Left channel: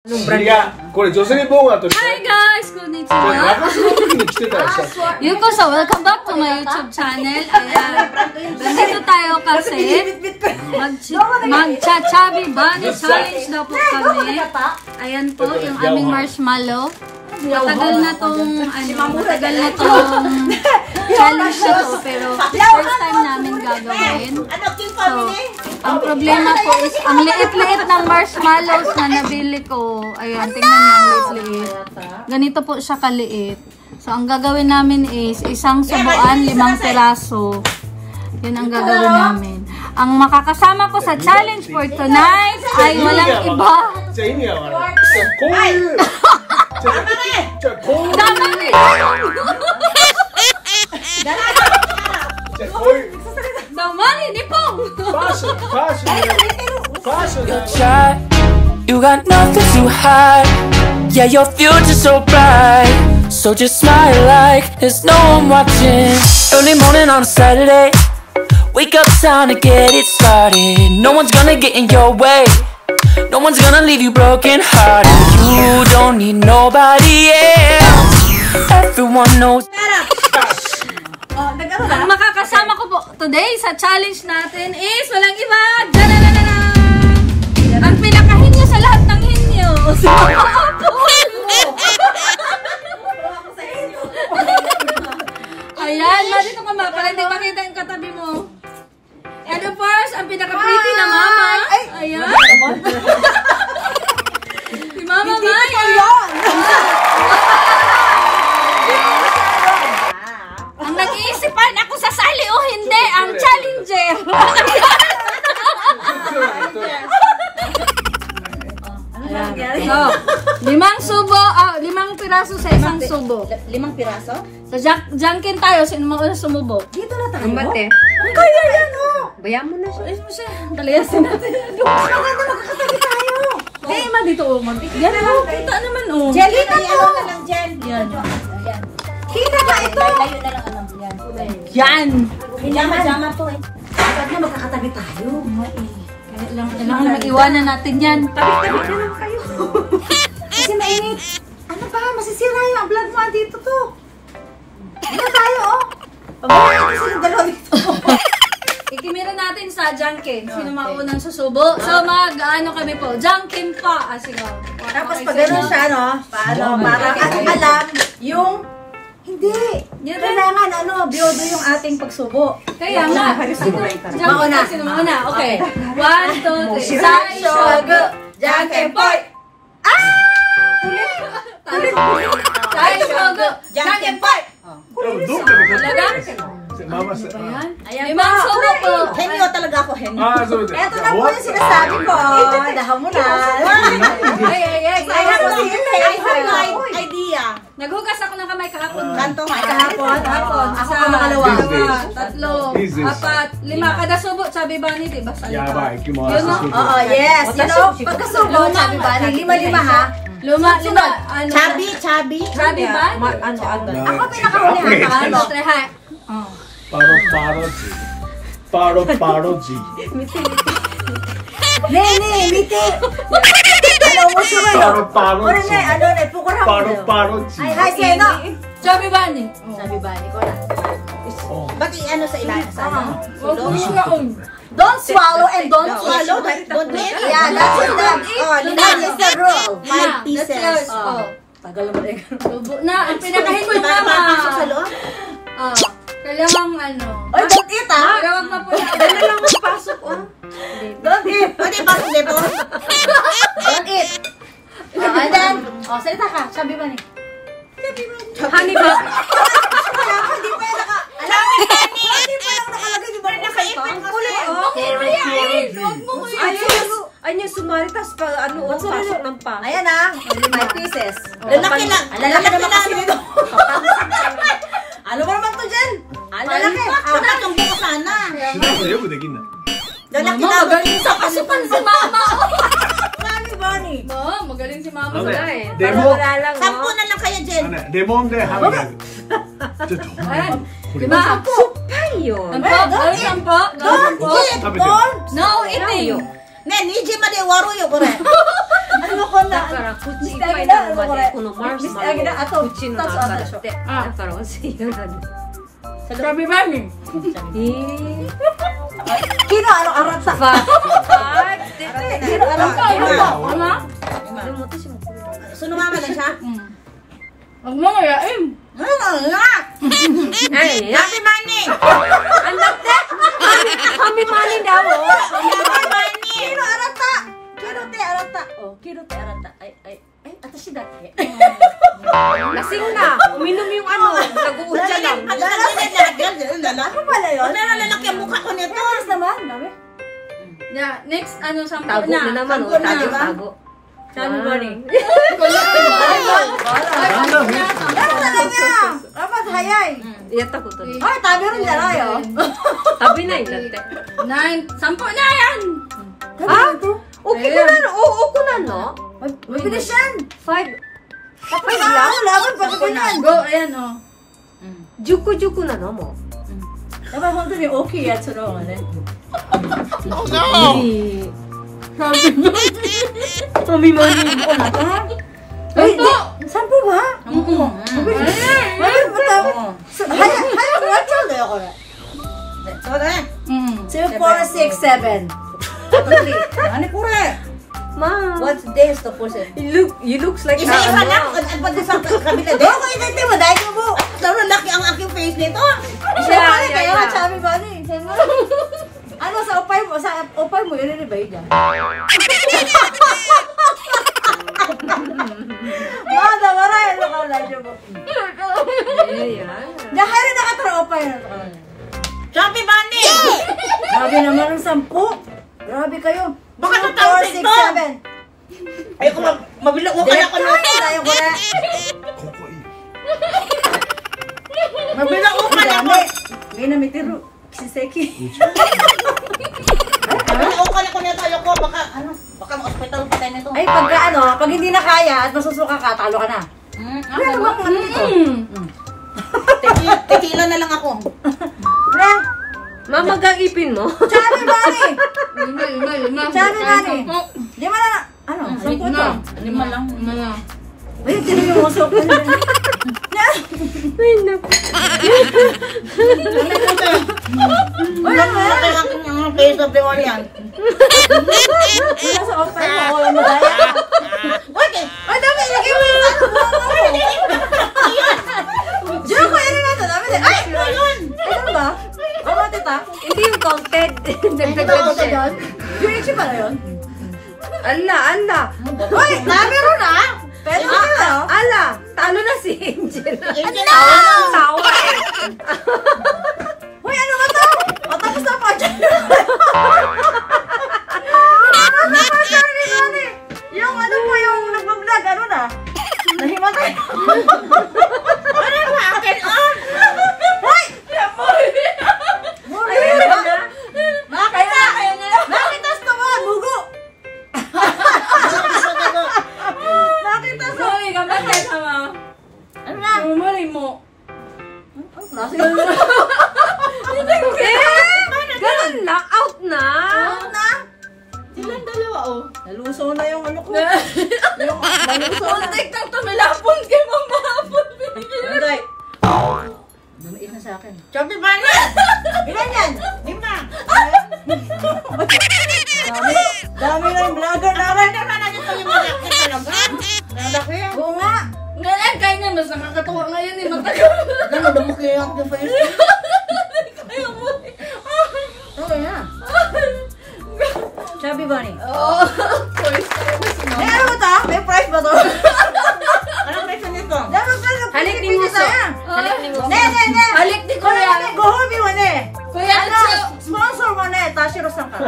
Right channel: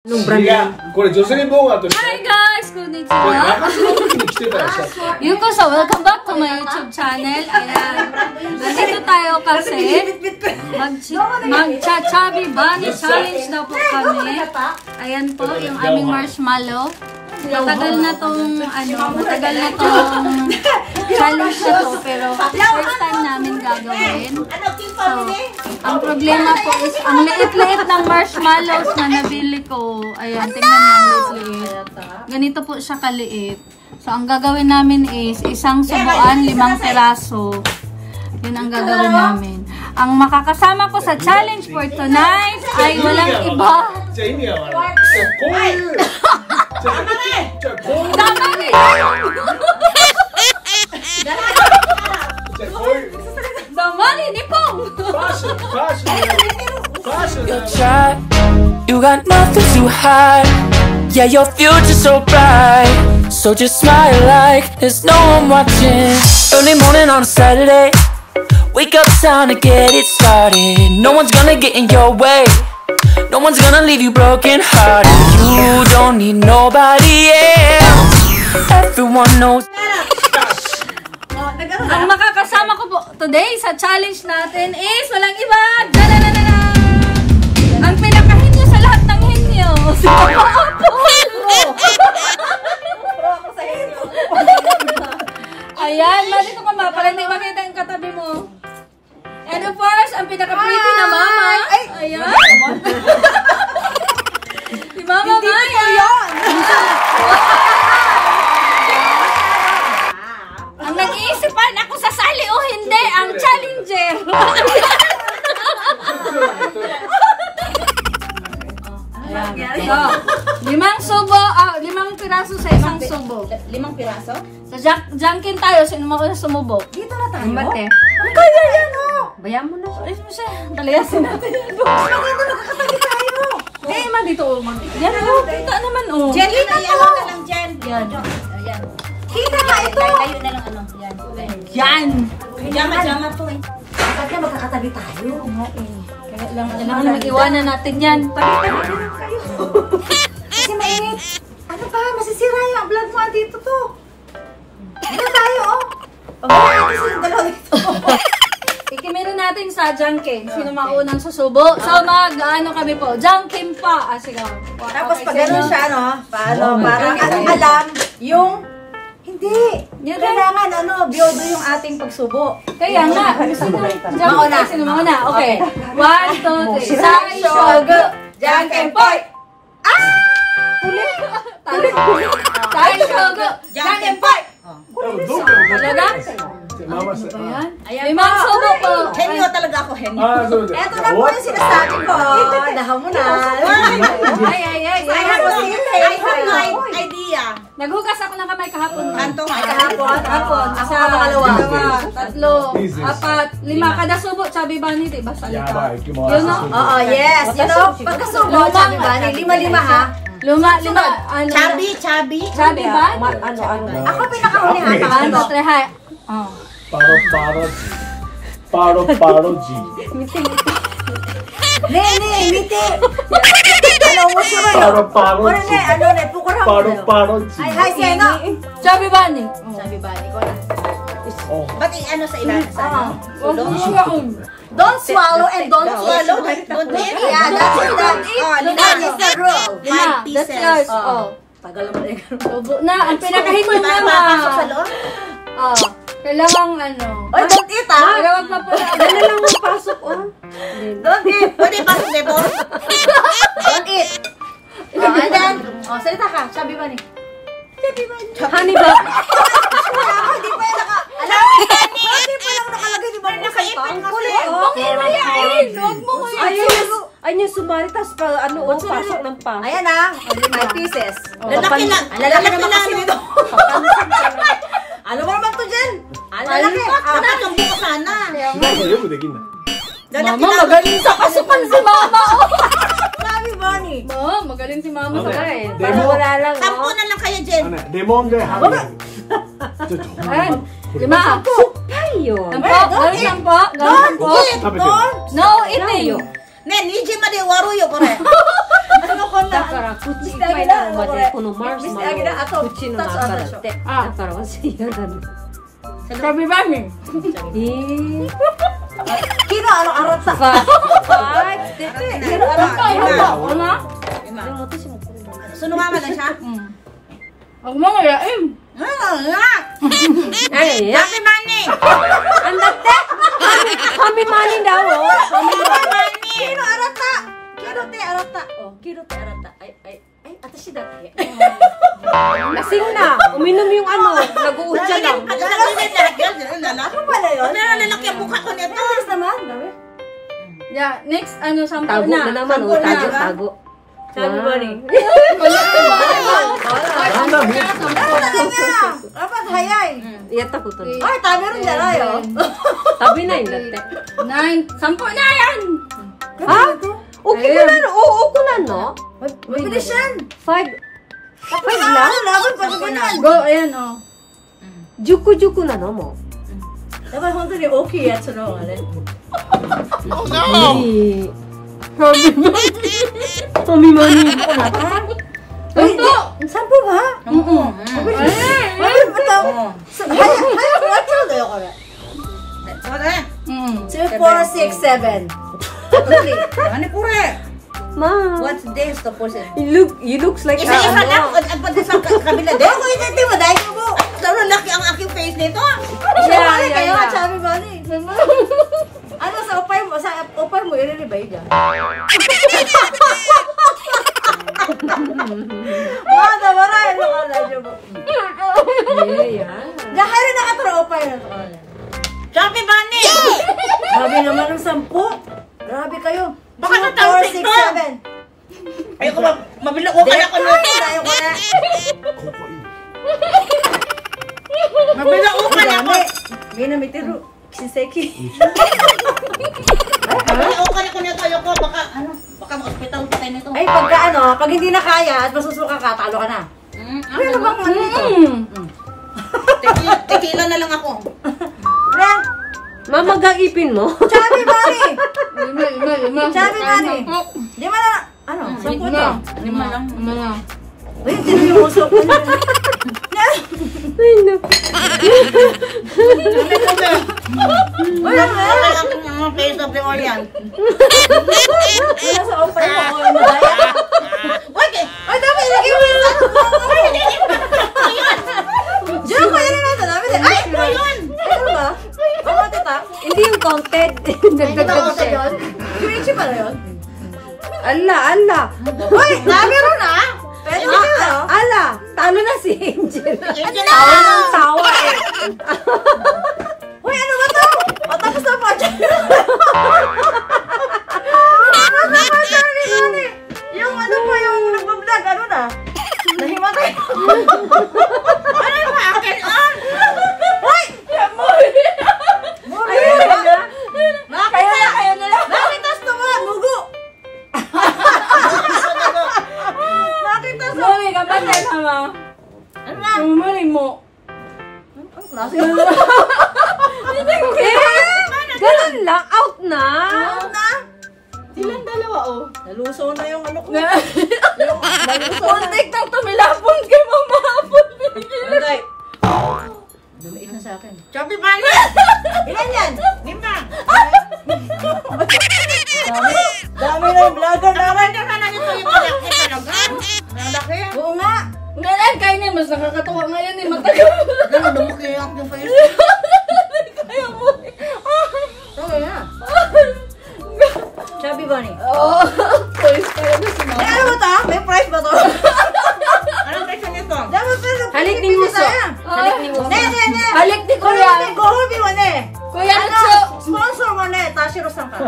Hi guys! Konnichiwa! Yuko-san, welcome back to my YouTube channel. Ayan. Nandito tayo kasi mag-chachabi bunny challenge daw po kami. Ayan po, yung aming marshmallow. Matagal na tong challenge na to, pero first time namin gagawin. So, ang problema po is, ang liit-liit ng marshmallows na nabili ko. Ayan, tingnan niyo ang liit-liit. Ganito po siya kaliit. So, ang gagawin namin is, isang subuan, 5 piraso. Yun ang gagawin namin. Ang makakasama ko sa challenge for tonight ay walang iba. Tama rin! Damali ni Pong! You're shy, you got nothing to hide. Yeah, your future's so bright. So just smile like there's no one watching. Early morning on a Saturday, wake up, time to get it started. No one's gonna get in your way. No one's gonna leave you broken hearted. You don't need nobody else. Everyone knows. Ang makakasama ko po today sa challenge natin is walang iba. Ang pinakahin niyo sa lahat ng hit niyo. Ayan, dito ka ba? Para hindi makita yung katabi mo. And of course, ang pinaka-pretty na mama. Ayan. Si Mama Mai. Ang nag-iisipan ako sasali o hindi, ang challenger. So, 5 piraso sa isang subo. 5 piraso? So, jangkin tayo. Sino mauna sumubo? Dito na tayo. Bate. Kaya ano? Bayan mo na siya. Palayasin natin. Dito makakatabi tayo. Kaya naman dito. Yan o. Kita naman o. Jelly na to. Yan. Kita ba ito? Layo na lang ano. Yan. Jama to eh. Kapag na makakatabi tayo. Iwanan natin yan. Kasi mainit. Ano pa? Masisira yung vlog mo. Dito to. Ano tayo oh? Pag-alala yung dalawa dito. Ikimirin natin sa Jankin. Sino maunang susubo? So, mag-ano kami po? Jankin pa. Sige. Tapos pag gano'n siya, no? Paano? Parang alam yung... Hindi. Kailangan, biodo yung ating pagsubo. Kaya nga. Mauna. Sino mauna? Okay. 1, 2, 3. Saishogo. Jankin Poy! Saishogo. Jankin Poy! Ayan. 5 subo po. Henyo talaga ako, henyo. Eto na po yung sinasabi ko. Dahaw mo na. Ay. I have my idea. Naghugas ako ng kamay kahapon. Kanto kahapon. Ako Isa, dalawa. 3, 4, 5. Kada subo, sabi ba ni, diba? Oo, yes. Pagkasubo, sabi ba ni, 5 ha? Luma. Chabi ba? Ako pinakahuli ha. Paro-paroji. Miti. Ano mo sumo? Paro-paroji. Paro-paroji. Ay, sino? Sabi ba ni? Sabi ba ni ko na. Ba't sa ilalim sa ano? Don't swallow and don't swallow. Don't eat. Yeah, that's it. That is the rule. 5 pieces. Tagal mo rin. Na, ang pinakahimod na Papasok sa loob? Kailangang Oy, don't eat ah! Kailangan na po. Kailangan mapasok Don't eat! Pwede ba sa lepo? Don't eat! And then, salita ka. Sabi ba ni? Honey ba? Hindi pa yung Honey! Hindi pa lang nakaipin kasi. Ay niya sumari, tapos pasok ng pang. Ayan ah. 5 pieces. Lalaki lang. Ano mo naman to dyan? Lalaki. Dapat yung buka sana. Lalaki lang. Magaling sa kasipan si mama. Bani. Oo, magaling si mama sa kahit. Demo. 10 na lang kaya dyan. 데모인데 하면. Lima. Tayo. Don't eat. Don't. No eating. Ne, nije ma de waruyo kore. ano ko na. Mr. Agila, ano ko rin? Mr. Agila, ato. Tatso, tatso. Sabi ba niyo? Kino, ano, arata? Kino, arata? Ano? Sunungan lang siya? Huwag mo ngayain. Happy money! Happy money daw. Kino, arata? Kino, te, arata. Oh, kino, te, arata. Ay, atashi dake. Lasing na. Uminom yung ano. Nag-uudya na. Ano pala yun? Meron lalaki ang mukha ko nito. Yes naman, dami. Yeah, next, ano, sampo Tago na. na naman. Sampo na, Tago, diba? tago. Sabi ba rin?なんだね Ano talaga? Dapat hayay. Iyata ko to. Ay, tabi rin dala yun. Tabi na yun. 9, sampo na yan! Ha? Okay ko na. Oo ko na no. Mabilis yan. 5. Tapos na. Laban pa sa yan. Go, ayan, oh. Juku-juku na no mo. Dapat kung ito yung okay at sunod. Oh no! Sabi mo yung ko na ta? Ay, sampo ba? Mabilis. Mabilis ba ito? Hayang watch out na ako na. 2, 4, 6, 7. Ato 3. Ano po rin? Ma. What's this to push it? You looks like Isa-isa lang. Ang pag-isang kabila din. Ako yung mo. Dahil ko mo. Sobrang laki ang aking face nito. Isa kaya nga. Sabi ba ni? Ano sa upay mo? Sa upay mo, ililibay dyan. Mga damaray. Ano ka na dyan mo? Dahil rin nakatropay na. Sabi ba ni? Grabe naman ang 10. Grabe kayo. Baka 2, natawag 4, 6, ba? 7. Ayoko mabilang ko kaya ko no. Ayaw ko na. Mabilang ko kaya ko. Dami. May namitiro. Si Seki. Mabilang ko kaya ko nito. Ayoko baka ma-hospital pa tayo nito. Ay, pagka ano, pag hindi na kaya at masusuka ka, talo ka na. Ano ba po nito? Tequila na lang ako. Frank, Mamagang ipin mo? sabi ba ni? Lima. Sabi ba ni? Di mo na, ano, 10 ito. 5 lang. Uy, sino yung usok ko na? Wala mo. Ang face of the onion. Wala sa offer mo. Wala mo daya. Wait! Ay, dami, ilagay mo yung ano. Diyan ko, yan na ito. Dami din. Ay, yun. Ay, ano ba? Ano, tita? Hindi yung counted. Kita ko sa doon. Yung itchy pala yun. Ala. Uy, dami ron ah. Pwede mo na oh. Ala, talo na si Angel. Ano? Sawa. Uy, ano ba to? Patapos na pa dyan. Ano ba sabi ko ni? Yung ano pa yung nag-vlog, ano na? Nahimatay. Ano yung akin? Uy! Nakita! Nakita sa mga mugo! Nakita sa... Mali ka ba kayo sama? Ano na? Mali mo. Ang klase. Ganun lang, out na. Ano na? Silang dalawa, oh. Naluso na yung ano ko. Yung naluso na. Kontek nang tumilapon ka, mamahapon. Anday. Dumait na sa akin. Sabi ba niya? Ilan yan? 5. Dami ng vlogger namin. Sana nito yung malaki talaga. Malaki yan. Oo nga. Ngayon, kayo na, mas nakakatuwa ngayon eh. Matagal. Ganun, dumaki yung aking face. Oo nga. Sabi ba ni? Oo. May ano ba ito? May price ba ito? Anong presyo nito? Dapat pa sa Halik ni Pilipinas Muso. na. Halik ni Muso. Ne. Halik di Kuya. kuya. Gohobi mo ne. Kuya, Ano? Sponsor mo ne. Tashiro san ka. い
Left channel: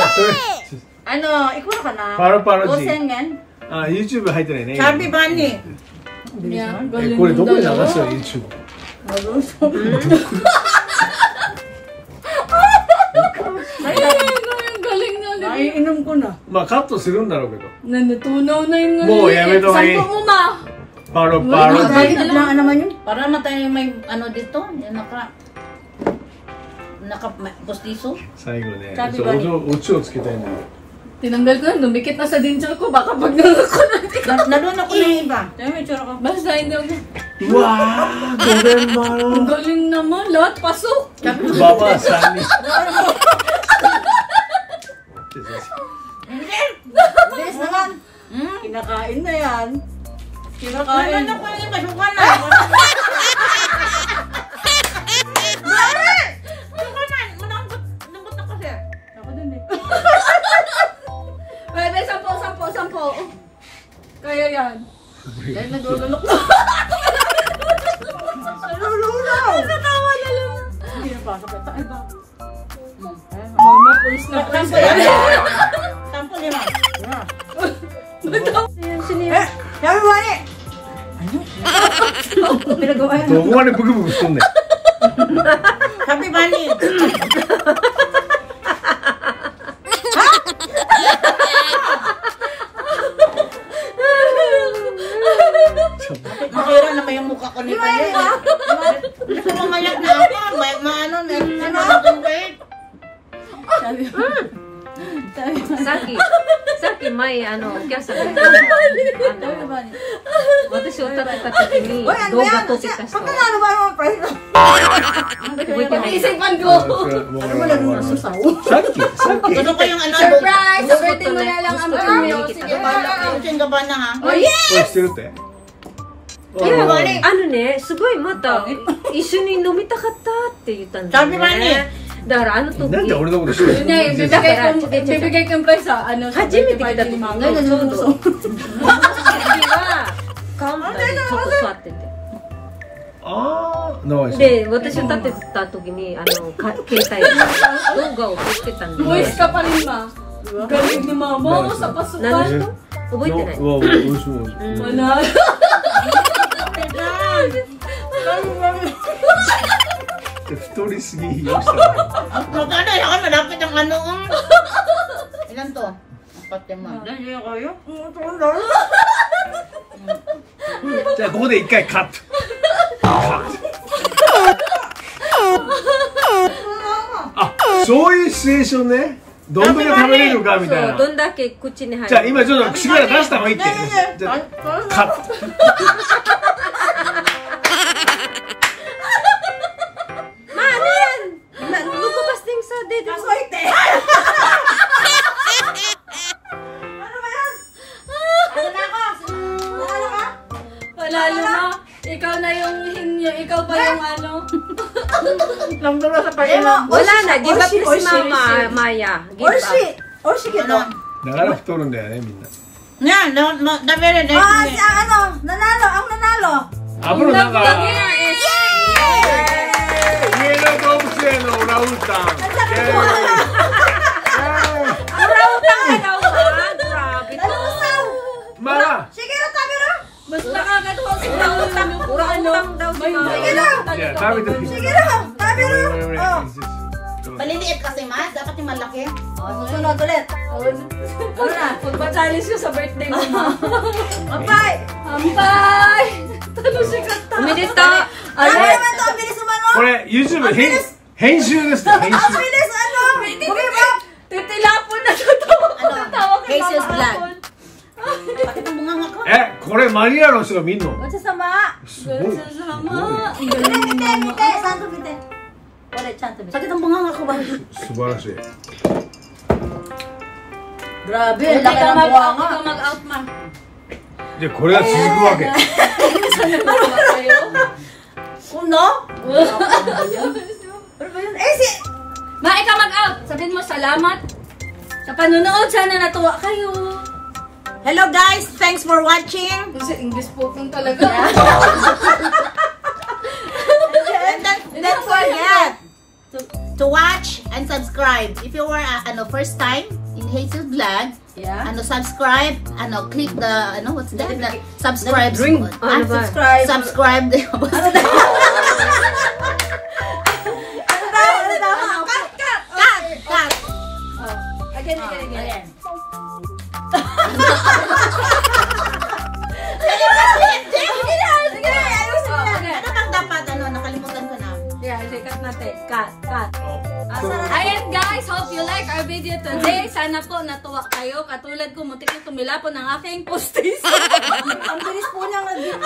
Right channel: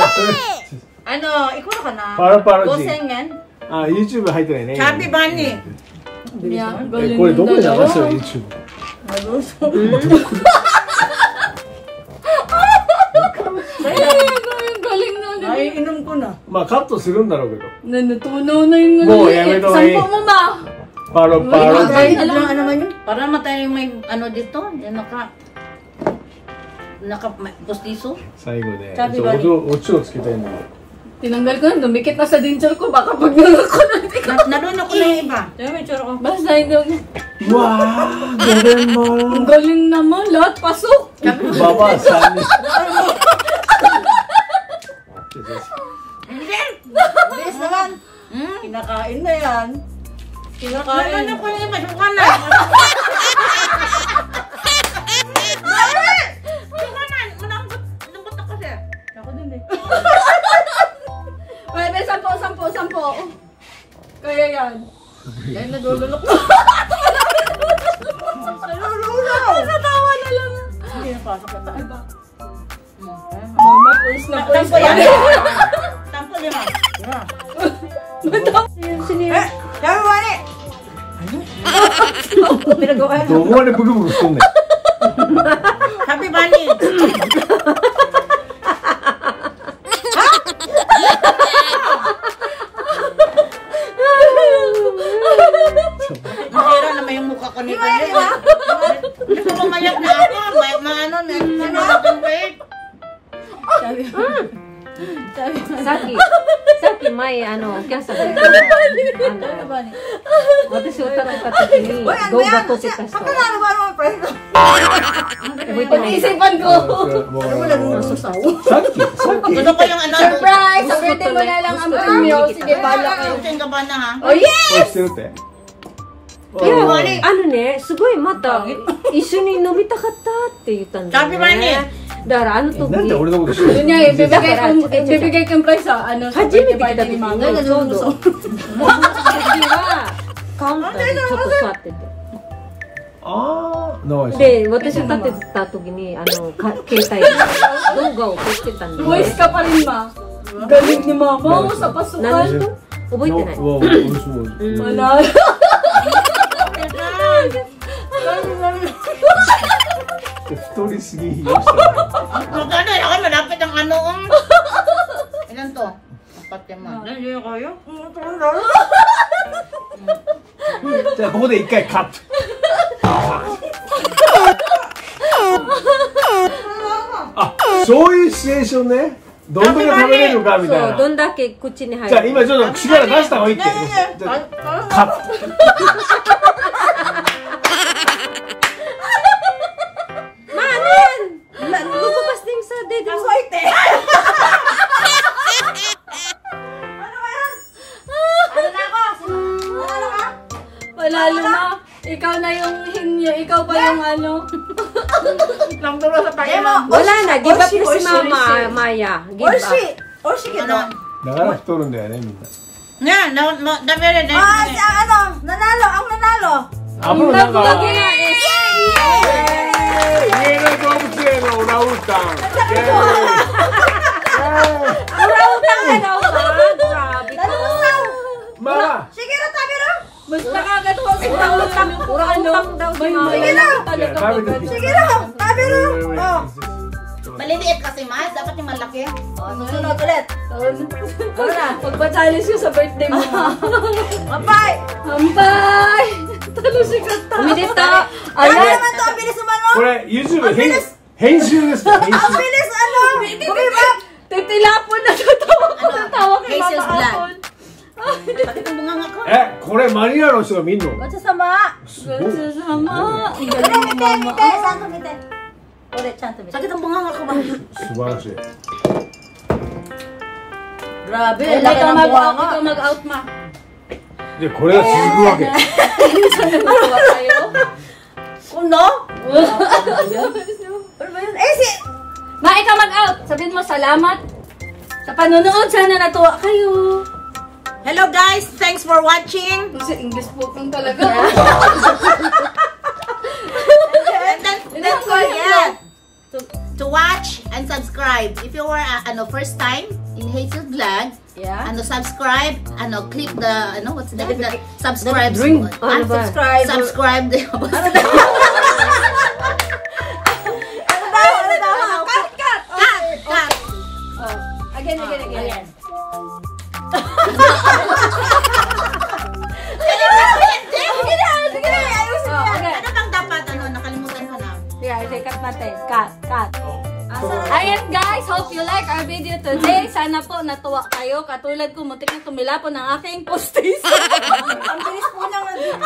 やそれ Ano? Ikuha ka na. パラパラジ 5,000 yen? あ YouTube 入ってないね Sabi ba ni? えこれどこで流すよ YouTube Maluso. Galing na. Naiinom ko na. まあカットするんだろうけど Natunaw na yung Mo, yan, ito, eh. Sampo mo ba? パロパロ Dahil ジ na naman yun. Para naman tayo may ano dito. Yung naka postiso. 最後ね サビバリそうオチをつけたいんだよ Tinanggal ko na, dumikit na sa denture ko. Baka pag nalakot na. Nalun ako na yung iba. Sabi mo, itsura ko. Basta yung... Wow, galing mo. Ang galing naman. Lahat pasok. Baba, sani. Bilis naman. Kinakain na yan. Kinakain. Ano ko yung masukan na? Pwede, 10. Kaya yan. Dahil nagululok na. Nalulunaw. Natawa na lang. Hindi napasok na tayo. Tampo yan. Tampo lima. Sabi mo ni. Ano? Pinagawa yan. どこまでブクブクしとんねん。 Sabi ba ni? Masira naman yung mukha ko nito. Di ba? Hindi ko mamayak na ako. Maano na. Sabi mo. Sa akin may kesa ba? Sabi ba ni? Watashi utakata ni Uy, ano yan? Pagkalaro ba mo, pre? Isipan ko. Ano mo laging nasusaw? さっき Ano ko yung ano? Surprise! Sagutin mo na lang ang premyo. Sige, balak ka. Yung ka ba na ha? Oh, yeah! これしてるって。すごいまた一緒に飲みたかったって言ったんだよサビマニね。だからあの時なんで俺のこと知ってる Yun nga, ibibigay ko yung prize sa初めて聞いた時ni Mama. Ay, nalulusaw. 次はカウンターにちょっと座ってて。ああ、ナイス。で、私立ってた時に携帯で動画を撮ってたんで。 Boys ka pa rin, Ma. Galit ni Mama sa pasukan. 覚えてない。うわ、美味しそう。 Manalo. 太りすぎましたね。 Magkano na ako malapit ang ano. Ilan to? 4 man. Dali kayo? じゃあここで一回カット。あ、そういうシチュエーションね。どんだけ食べれるかみたいな。どんだけ口に入る。じゃあ今ちょっと力出した方がいいって。じゃあカット。 Nagbubukas din sa dedo. Kasoite! Ano ba yan? Ano na ako? Nanalo ka? Panalo na. Ikaw na yung hinyo. Ikaw pa yung ano. Nangdulo sa pag-ilang. Wala na, give up na si Mama Maya. Give up. Orshi kita. だから太るんだよねみんな。 Yan, dami rin. Ano? Nanalo, ang nanalo. あぶなんか。 Mama! Sige na, tabi na. Basta agad po si Pautang kung ano. Sige na. Sige na, tabi na. Maliliit kasi, Ma. Dapat yung malaki. Susunod ulit. Magpa-challenge ko sa birthday mo. Bye! Hampay! Talo si Kata. Umidito. Ano naman to? Ang bilis naman mo. これ YouTube 編集ですよ編 Ang 集 bilis, ano? Bumibak. Titilapon na tatawa ko Ano? ng tawa kay Hazel's Mama. vlog. Bakit ang bunga nga ko? これマニラの人が見んの Magsasama. すごい Sama. Ang galing ni Mama. Saan tumite? Ulit, saan tumite? Bakit ang bunga nga ko ba? 素晴らしい Grabe, Ikaw laki ng buha nga. mag-out, Ma. でこれは続くわけ Uno? Ano ba yun? Eh, si... Ma, ikaw mag-out. Sabihin mo salamat sa panonood. Sana natuwa kayo. Hello guys, thanks for watching. Kasi English spoken talaga. And don't forget to watch and subscribe. If you were first time in Hazel's vlog, subscribe, click the what's that? Subscribe. Unsubscribe. Subscribe. Again. Ano bang dapat? Nakalimutan ko na. Yeah, cut natin. Cut. Ayan guys, hope you like our video today. sana po natuwa kayo. Katulad ko, muntik na tumilapon ang aking postis. Ang bilis po niyang nag-dito.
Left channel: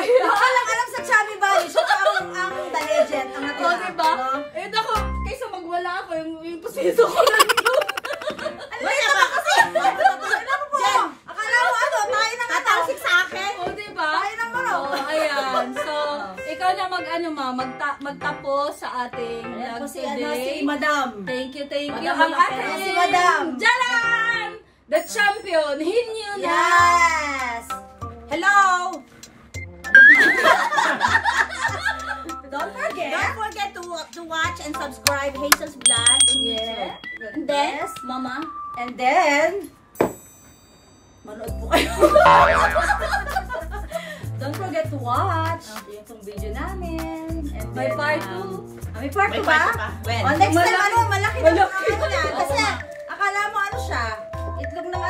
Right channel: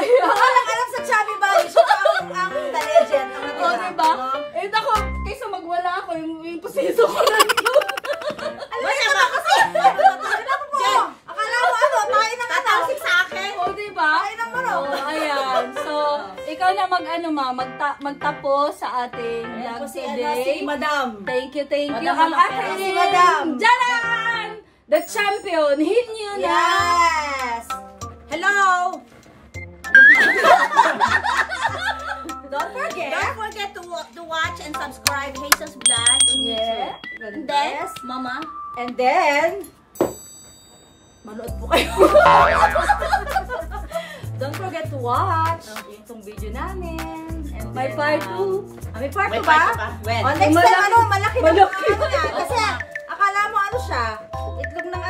Alam sa Chubby Bunny. So, ang The Legend. Ang natira. O, diba? Eh, ako, kaysa magwala ako, yung posiso ko lang yun. Wala ka kasi. Ano po? Akala mo ano? Tayo na nga. Sa akin. O, diba? Tayo na mo. Ayan. So, ikaw na magtapos sa ating vlog Si today. Madam. Thank you. Madam, Ang ating si Madam. Jalan! The champion, Hinyo na! Yes! Hello! Don't forget to watch and subscribe Hazel's Vlog. Yeah. And then, Mama. And then, manood po kayo. Don't forget to watch itong video namin. And May then, part 2. May part 2 May ba? part 2 pa? When? Oh, next time, Malaki. malaki na yung ano yan. Kasi, akala mo ano siya, itlog ng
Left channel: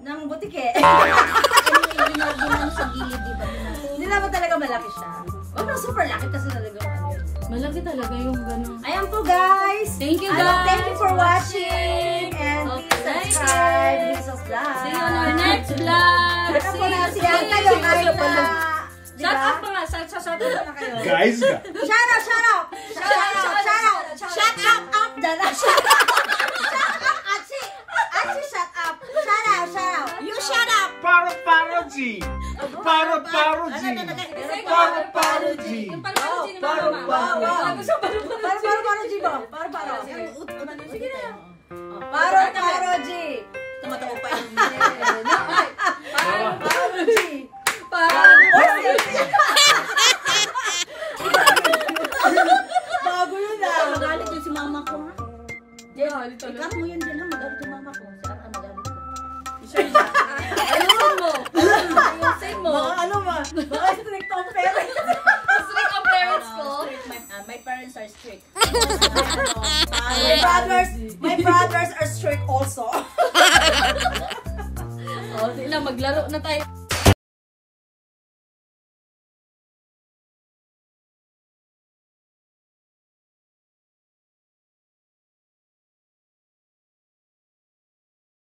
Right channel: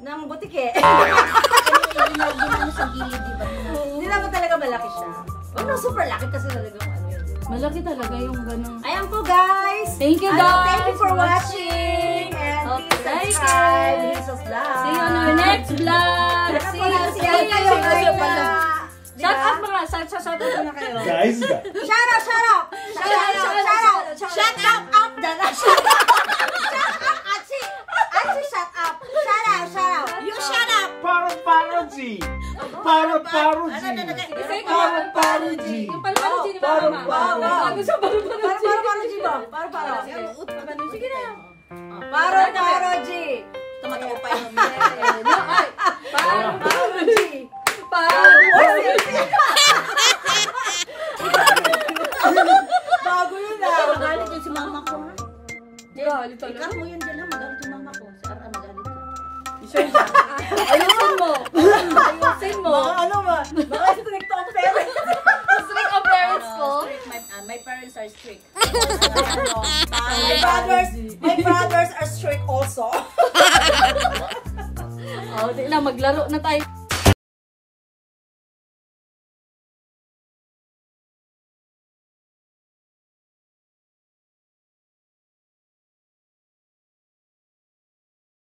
ng butike. Ginagawa sa gilid, di ba? Hindi naman talaga malaki siya. Oh, no, super laki kasi talaga ano yun. malaki talaga yung ganun. Ayan po guys. Thank you, guys. Thank you for watching. And Okay. subscribe Hazel's Vlog. See you on our next vlog. Shout out See kayo you. kahit na, Shout out mga. Shout out muna kayo. Guys ka. Shout out. Shut up dyan. Achi, shut up. Shout out. You shut up! Paroji. Paroji. Yung palpalogy ni Mama. Sabi siya palpalogy. Sige na. Paroji. Tumatawa pa yun. Bago yun ah. Magalit yung si mama ko, ha? Ikat mo yun dyan, ha? Magalit yung mama ko. Si Ara, magalit ko. Ayusin mo. Ano ba? Baka strict ang parents. Strict ang parents ko. My parents are strict. My brothers are strict also. Sige na, maglaro na tayo.